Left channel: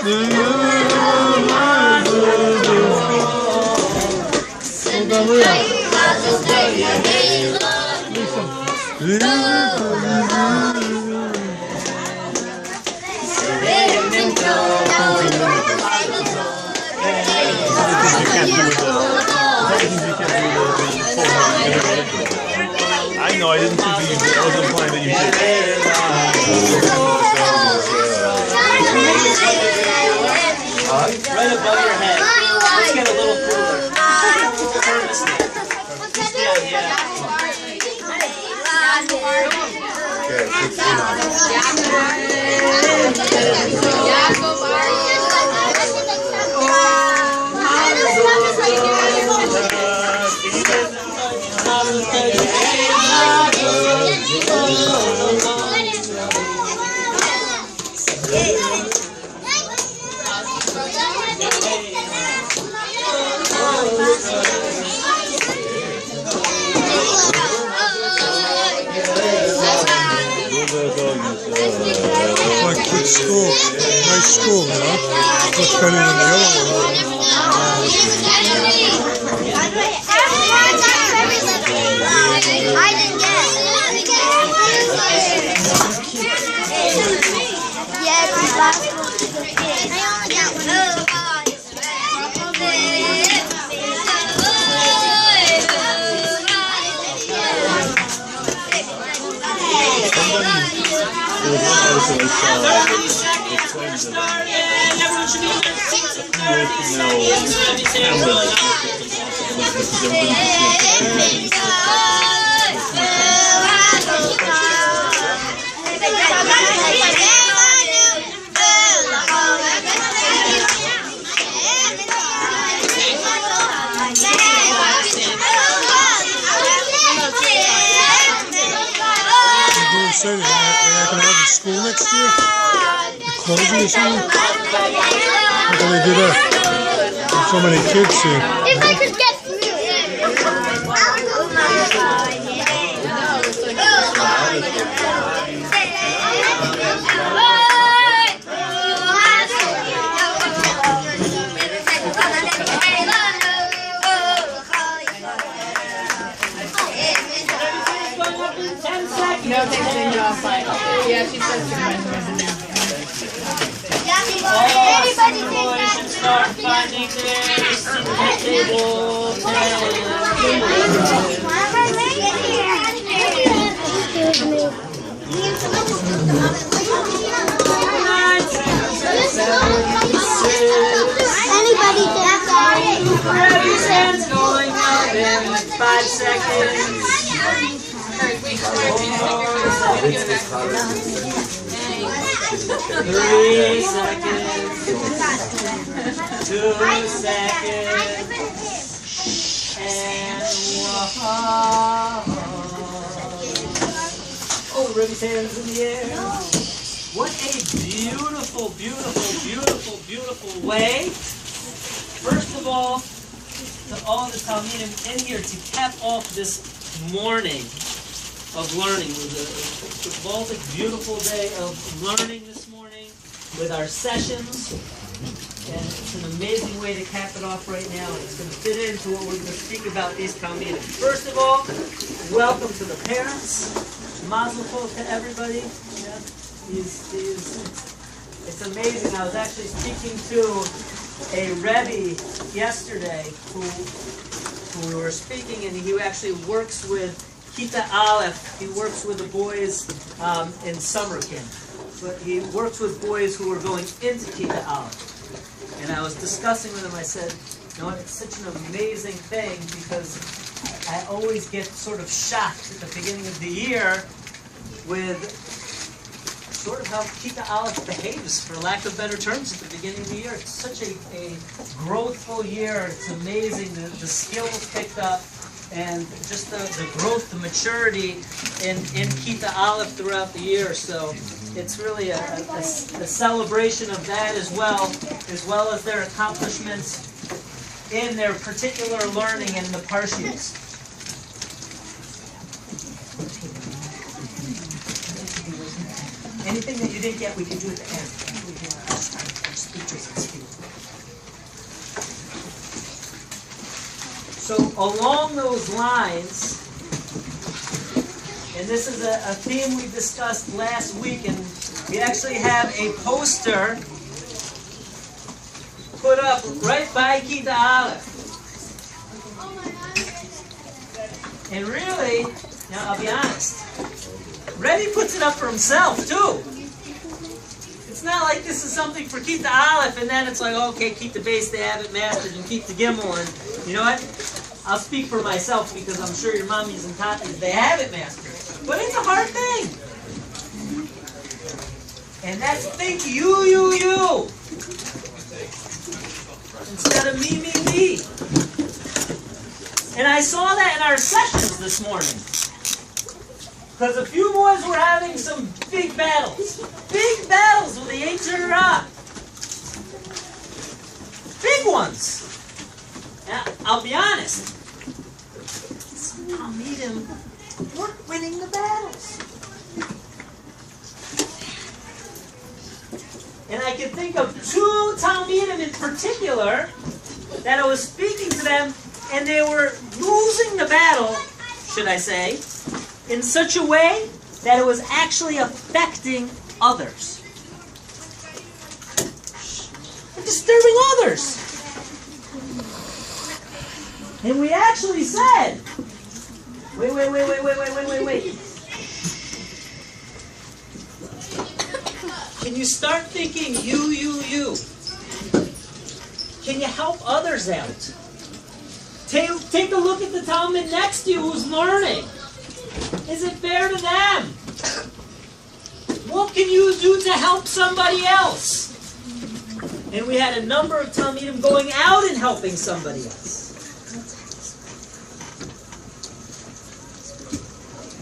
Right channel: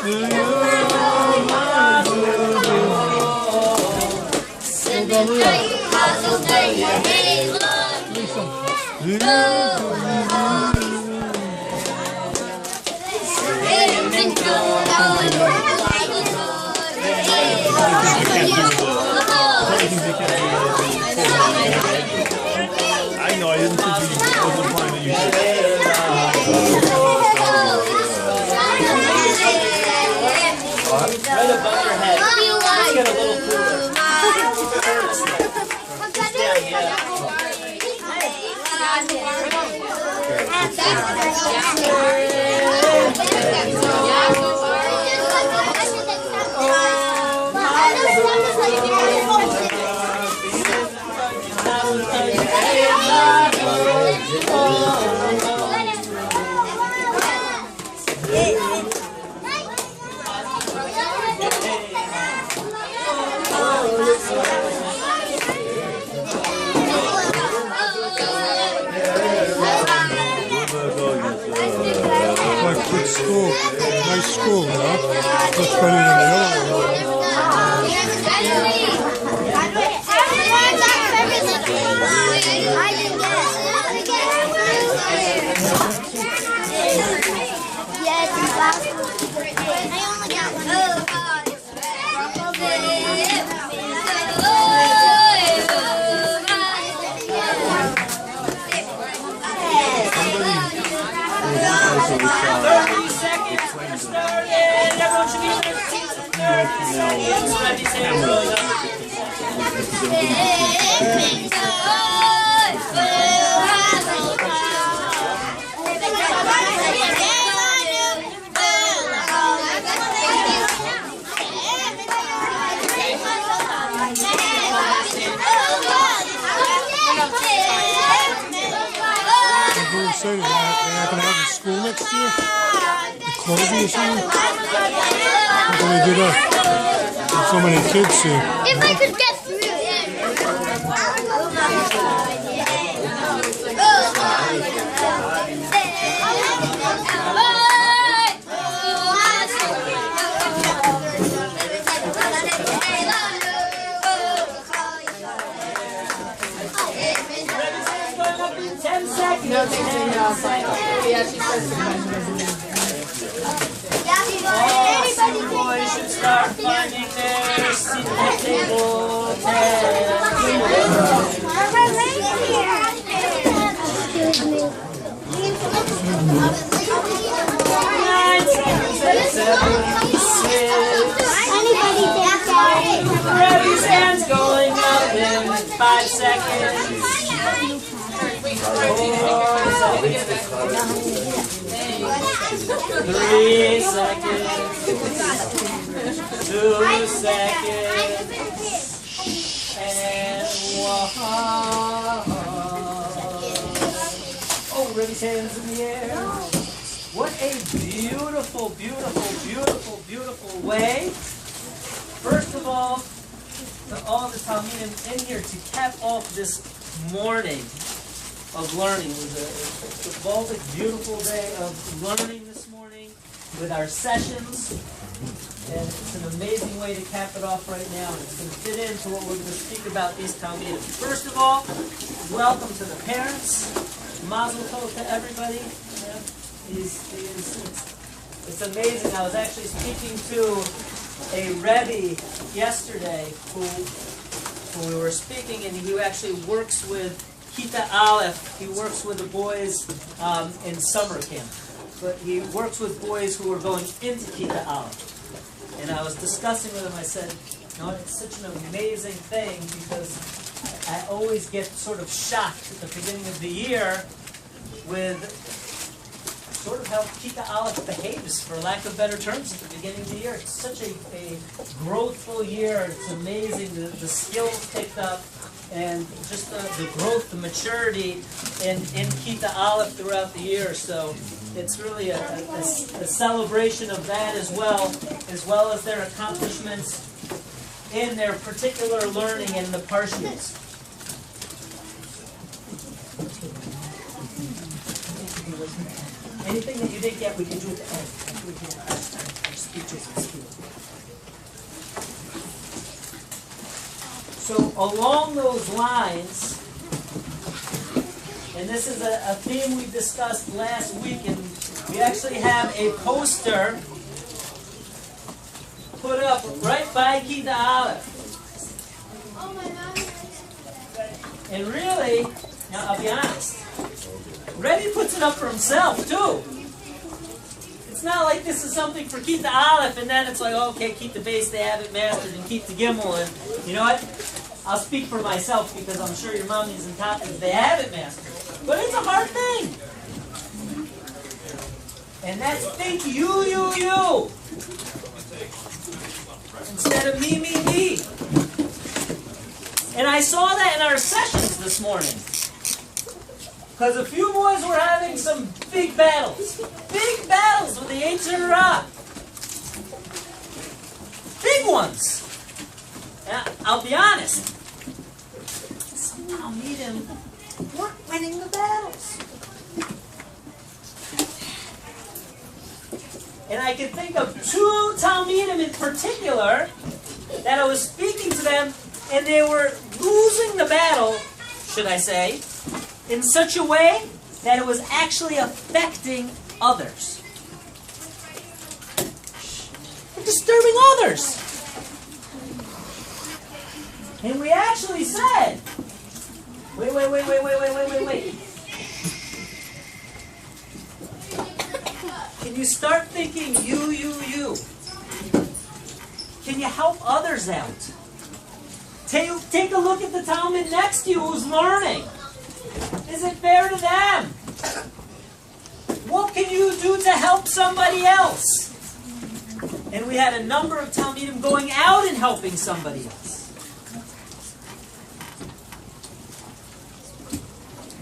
Shmuel Gavriel. I know, I didn't think that you did. I was implying that you did. Right above your head. Let's get a little cooler. Like good school, nice school, you know? Much better than the other one. I didn't get it. Yeah, it's the last one. I only got one. Everyone should be in their seats in 30 seconds. Revy's hands going up. Say they're not going to have a school next year? The Colby or something? How can they do that? There's so many kids here. If I could get through No, thanks to you off. Yeah, she says too much. Anybody Boys should start finding their seat at the table. Anybody think that? Revy's hands going up in 5 seconds. 3 seconds. 2 seconds. And 1. Oh, Revy's hands in the air. What a beautiful, beautiful, beautiful, beautiful way. First of all, to all the Talmidim in here to cap off this morning of learning. It was a Baltic, beautiful day of learning this morning with our sessions. And it's an amazing way to cap it off right now. And it's going to fit into what we're going to speak about these Talmidim. First of all, welcome to the parents. Mazel tov to everybody. Yeah. It's amazing. I was actually speaking to a Rebbe yesterday who we were speaking, and he actually works with Kita Aleph. He works with the boys in summer camp. But he works with boys who are going into Kita Aleph. And I was discussing with him, I said, you know, it's such an amazing thing because I always get sort of shocked at the beginning of the year with sort of how Kita Aleph behaves, for lack of better terms, at the beginning of the year. It's such a growthful year. It's amazing, the skills picked up, and just the growth, the maturity in Kita Aleph throughout the year. So it's really a celebration of that as well as their accomplishments in their particular learning in the Parshias. Anything that you didn't get, we can do at the end. speeches at school. So along those lines, and this is a theme we discussed last week, and we actually have a poster put up right by Kita Aleph. And really, now I'll be honest, Rebbe puts it up for himself too. It's not like this is something for Kita Aleph and then it's like, okay, keep the base, they have it mastered, and keep the Gimel, and you know what? I'll speak for myself because I'm sure your mommies and tatas, they have it mastered. But it's a hard thing. And that's think you. Instead of me. And I saw that in our sessions this morning. Because a few boys were having some big battles. Big battles with the Yetzer Hara. Big ones. Now, I'll be honest. Some Talmidim weren't winning the battles. And I can think of two Talmidim in particular that I was speaking to them, and they were losing the battle, should I say, in such a way that it was actually affecting others. They're disturbing others. And we actually said, wait. Can you start thinking you? Can you help others out? Take a look at the Talmud next to you who's learning. Is it fair to them? What can you do to help somebody else? And we had a number of Talmidim going out and helping somebody else.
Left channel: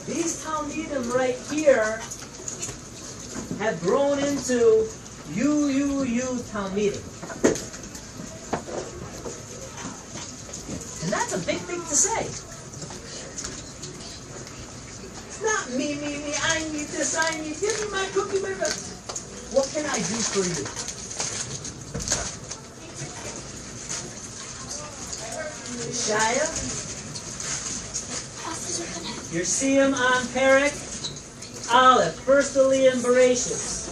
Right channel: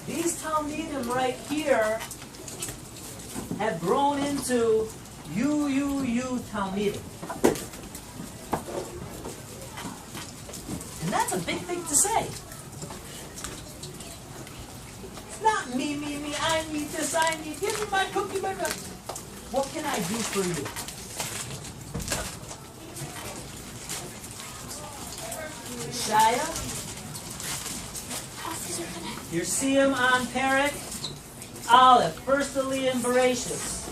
These Talmidim right here have grown into you Talmidim. And that's a big thing to say. It's not me, I need this, give me my cookie, my cookie. What can I do for you? Shaya, your siyum on Perek Aleph, first Aliyah in Bereshis.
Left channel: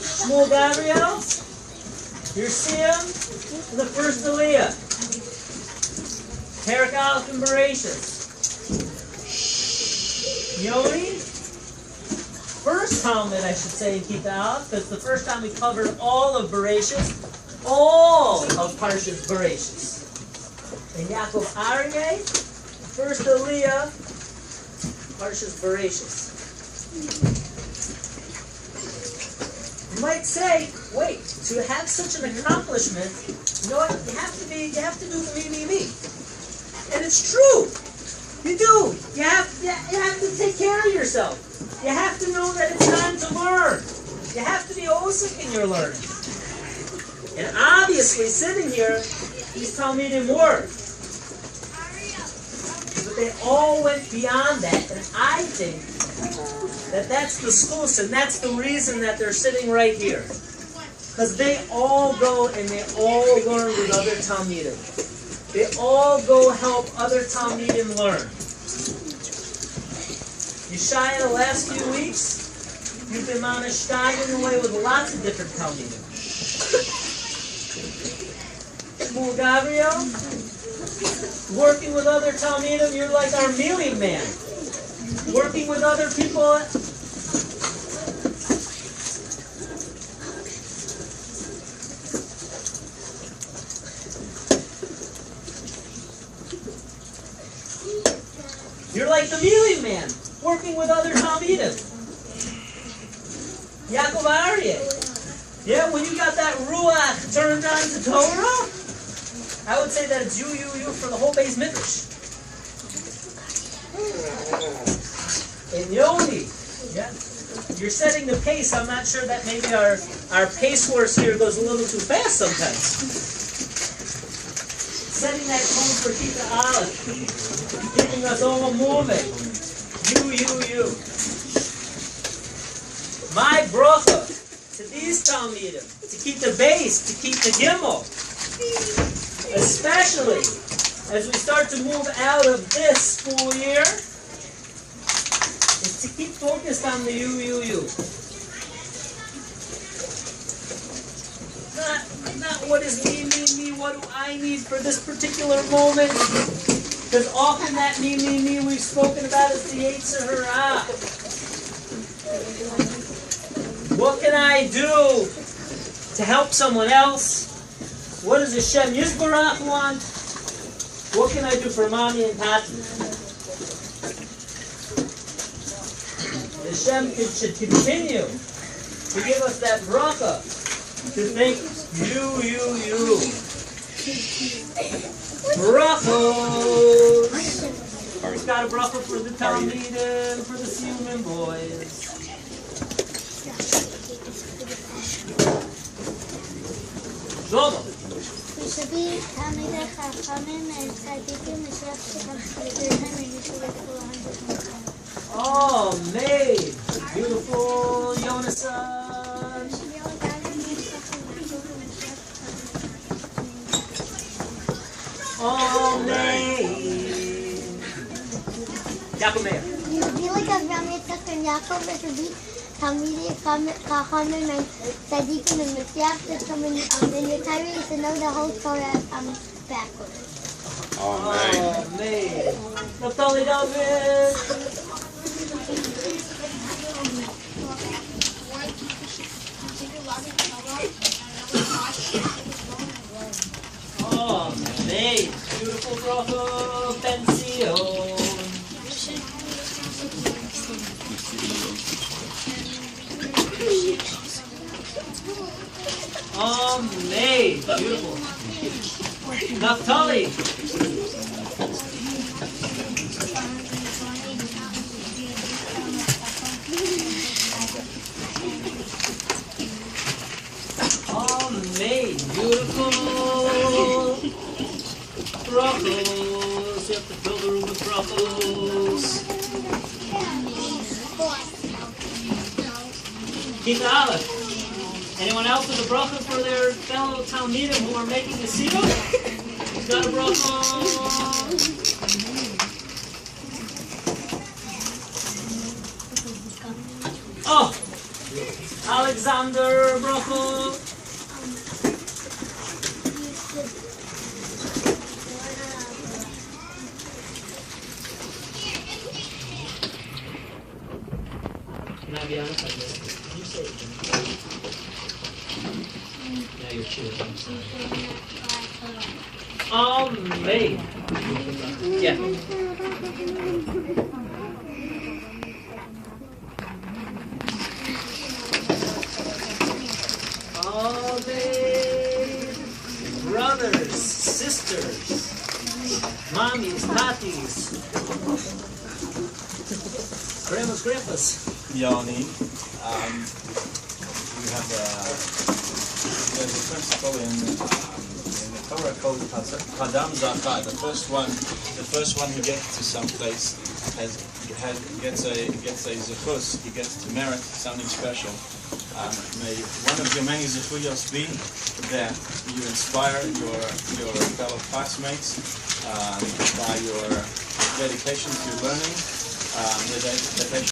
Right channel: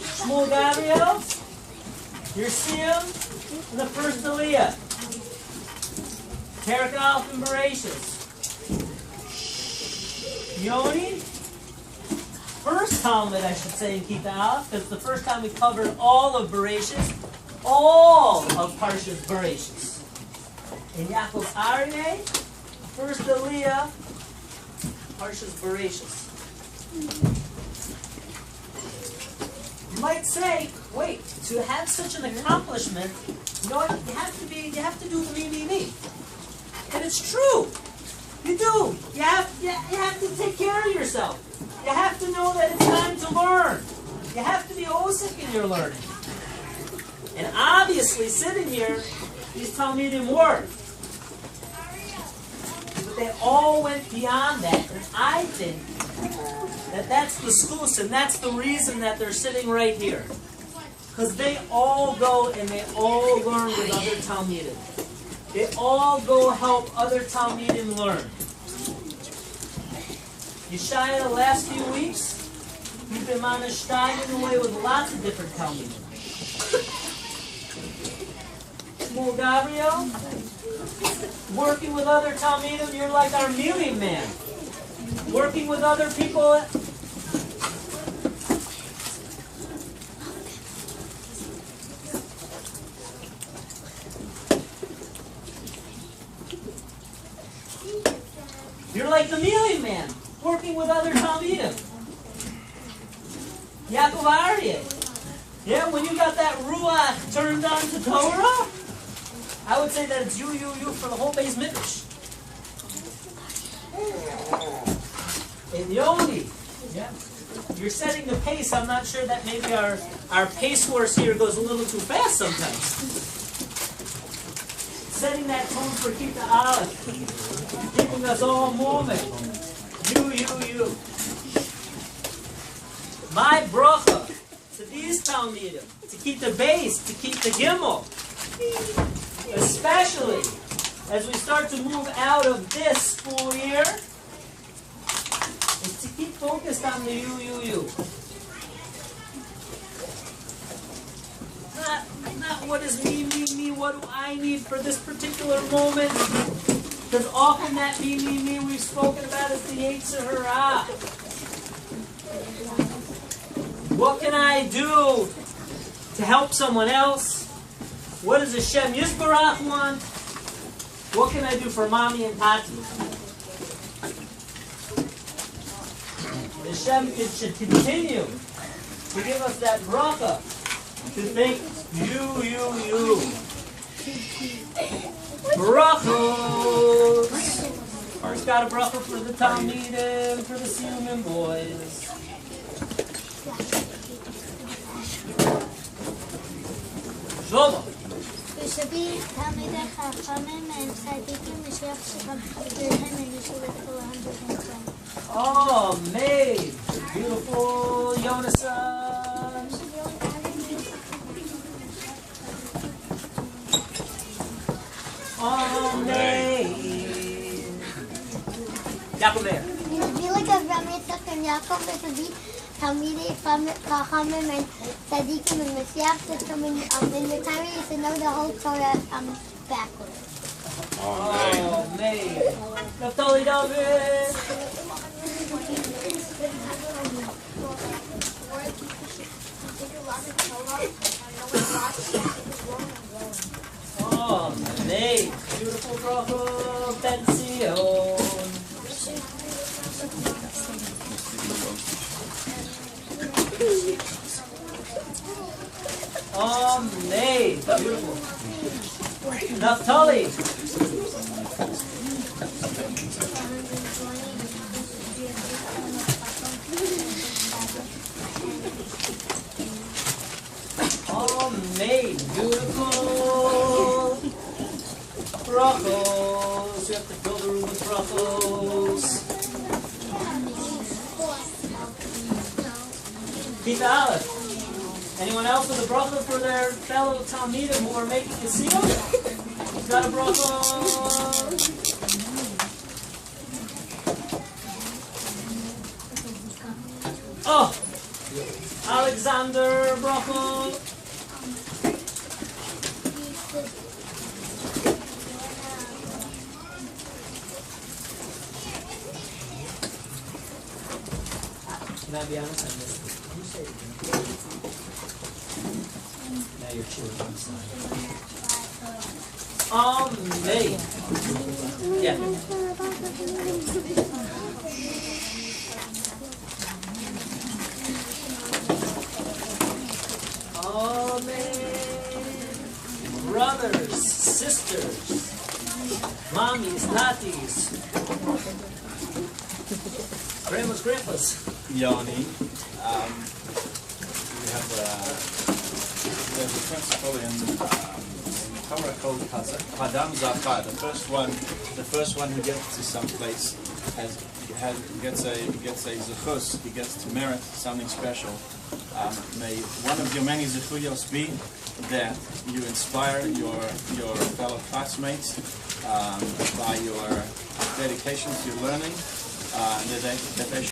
Shmuel Gavriel, your siyum in the first Aliyah. Perek Aleph in Bereshis. Yoni, first Talmud, I should say, in Kita Aleph, because the first time we covered all of Bereshis, all of Parshas Bereshis. And Yaakov Aryeh, first Aliyah, Parshas Bereshis. You might say, wait, to have such an accomplishment, you know what? You have to do the me. And it's true. You do. You have to take care of yourself. You have to know that it's time to learn. You have to be osik in your learning. And obviously, sitting here, these Talmidim were. But they all went beyond that. And I think that that's the schus, and that's the reason that they're sitting right here. Because they all go and they all learn with other Talmidim. They all go help other Talmidim learn. Yeshaya, the last few weeks, you've been manashtayim away with lots of different Talmidim. Shmuel Gavriel, working with other Talmidim, you're like our mealing man. Working with other people. You're like the mealing man, working with other Talmidim. Yaakov Aryeh. Yeah, when you got that ruach turned on to Torah, I would say that it's you for the whole Beis Midrash. And Yoni, yeah, you're setting the pace. I'm not sure that maybe our pace horse here goes a little too fast sometimes. Setting that tone for Kita Aleph, giving us all moving. You. My bracha to to these Talmidim, to keep the base, to keep the Gimel. Especially as we start to move out of this school year, is to keep focused on the you. Not what is me, what do I need for this particular moment? Because often that me, we've spoken about is the Yetzer Hara. What can I do to help someone else? What does Hashem Yisbarach want? What can I do for mommy and tati? Hashem should continue to give us that bracha, to think you. Brachos! We've got a bracha for the Talmidim, for the siyum boys. Shlomo. ושבי תלמידי חכמים צדיקים משלח שכם וניסו לכל ההנדסים. Oh, May! Beautiful Yonasan! Oh, May! Yaakov Meir. יהודי לגבי יצחק יעקב ושבי תלמידי חכמים צדיקים ומשיח שכם in the time we used to know the whole Torah backwards. Oh, May! Naftali David! Oh, May! Beautiful bracha, Ben Zion! Oh, May! Beautiful. Naftali! Oh, May! Beautiful. Brachos. You have to fill the room with brachos. Kita Aleph. Anyone else with a bracha for their fellow Talmidim who are making the siyum? Who's got a bracha? Oh! Alexander bracha. Can I be honest? I missed it. Can you say it again? Now you're chewing. I'm sorry. May. Yeah. May. Brothers, sisters, mommies, tatis, grandpas. Yoni, we have there's a principle in the Torah called Hadam Zachar. The first one who gets to some place gets a zechus. He gets to merit something special. May one of your many zechuyos be that you inspire your fellow classmates by your dedication to learning. That they